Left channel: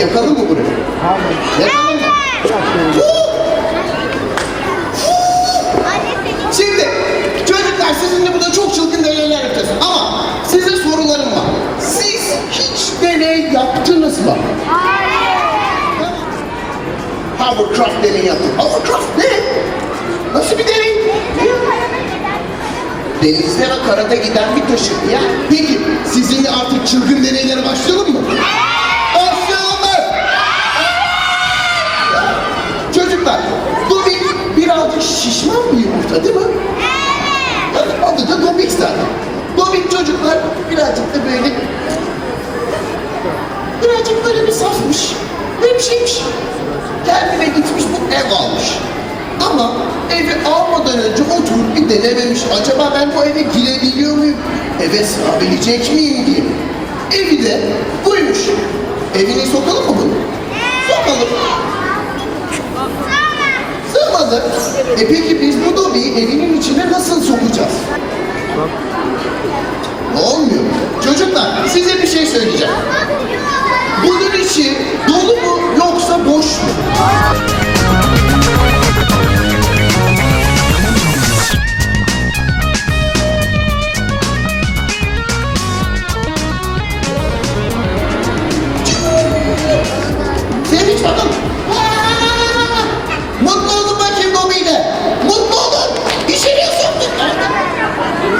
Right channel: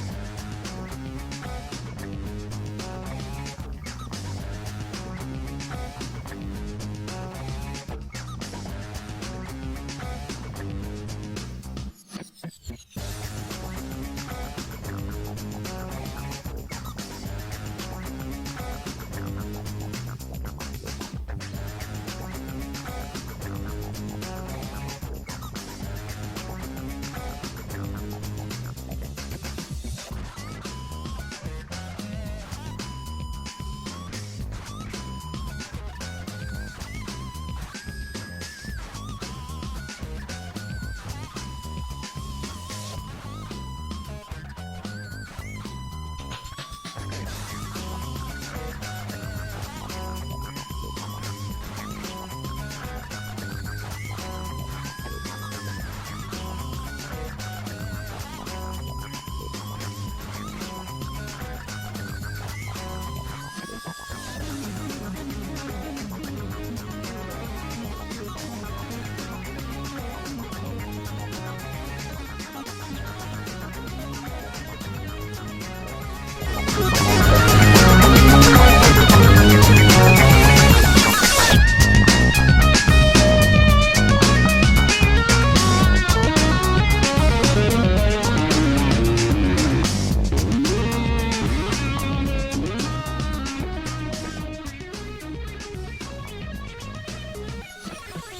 Yakalım mı burayı? Yakalım mı? Şimdi çocuklar sizinle burada çok çılgın deneyler yapacağız ama size sorularım var. Siz hiç deney yaptınız mı? Hovercraft deney yaptım. Hovercraft ne? Nasıl bir deney? Denizde ve karada giden bir taşıt ya. Peki sizinle artık çılgın deneylere başlayalım mı? Başlayalım birazcık da böyle birazcık böyle bir safmış. Şeymiş. Kendine gitmiş bu ev almış. Ama evi almadan önce oturup bir denememiş. Acaba ben bu eve girebiliyor muyum? Eve sığabilecek miyim diye. Evi de buymuş. Evine sokalım mı bunu? Sokalım. Sığmadı. E peki biz bu dobiyi evinin içine nasıl sokacağız? Olmuyor. Çocuklar size bir şey söyleyeceğim. Bunun içi dolu mu yoksa boş mu?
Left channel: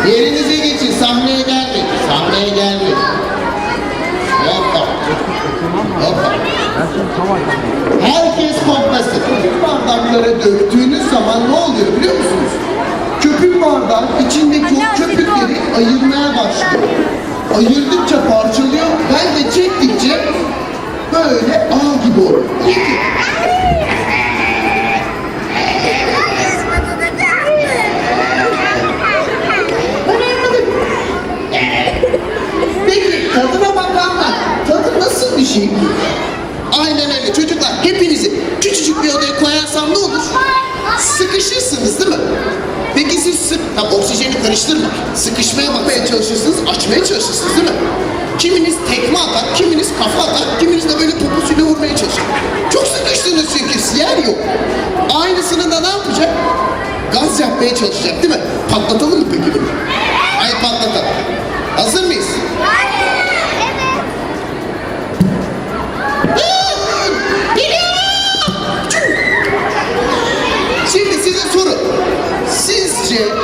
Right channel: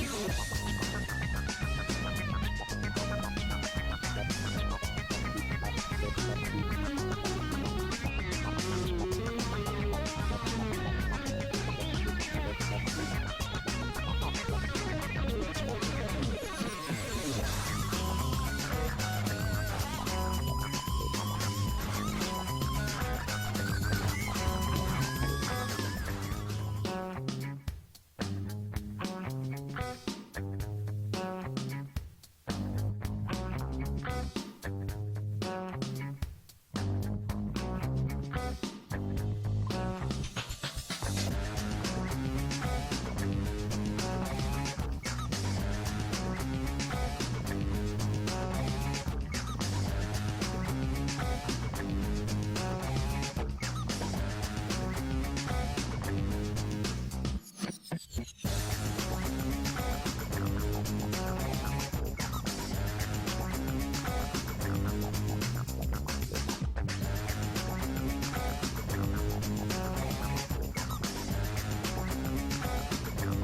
Yerinize geçin. Sahneye geldik. Sahneye geldik. Herkes koklasın. Bardaklara döktüğünüz zaman ne oluyor biliyor musunuz? Köpük bardak içindeki o köpükleri ayırmaya başlıyor. Ayırdıkça parçalıyor. Ben de çektikçe böyle ağ gibi anladım. Peki tadına bakanlar, tadı nasıl bir şey? Hepinizi küçücük bir odaya koyarsam ne olur? Sıkışırsınız değil mi? Peki siz sık, ha, oksijeni karıştırma. Sıkışmaya bakmaya çalışırsınız, açmaya çalışırsınız değil mi? Kiminiz tekme atar, kiminiz kafa atar, kiminiz de böyle poposuyla vurmaya çalışır. Çok sıkıştınız çünkü yer yok. Aynısını da ne yapacak? Gaz yapmaya çalışacak değil mi? Patlatalım mı peki bunu? Şimdi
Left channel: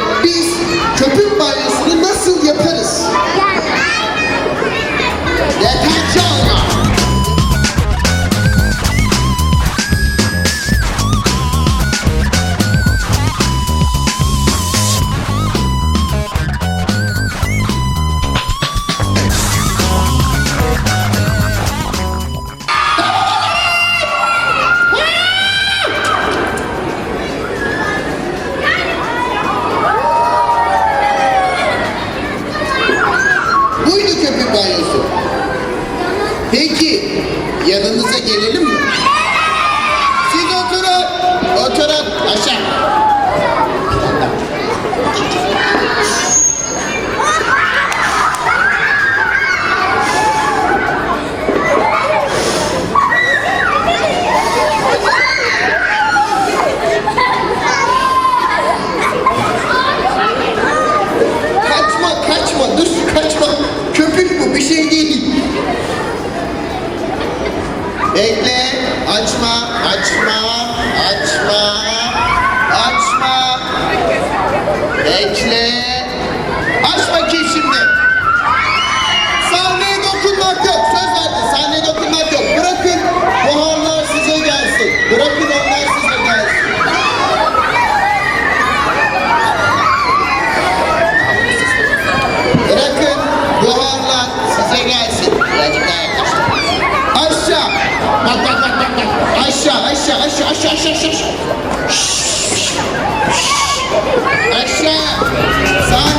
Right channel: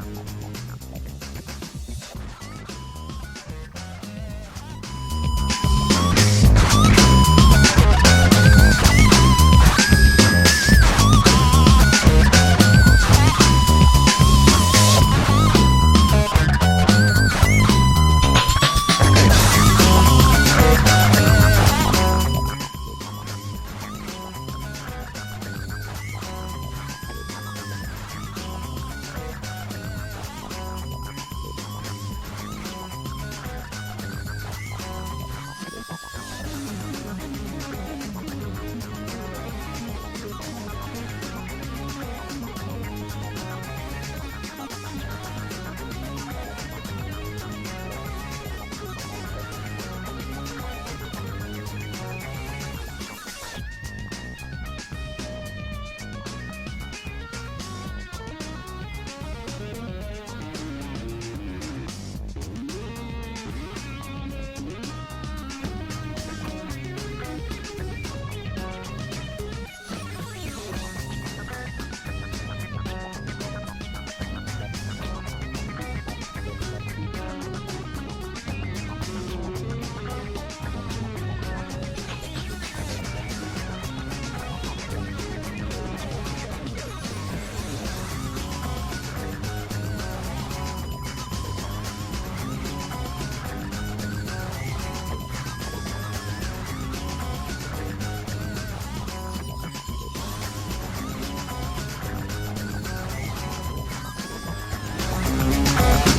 Aşağı. Sağ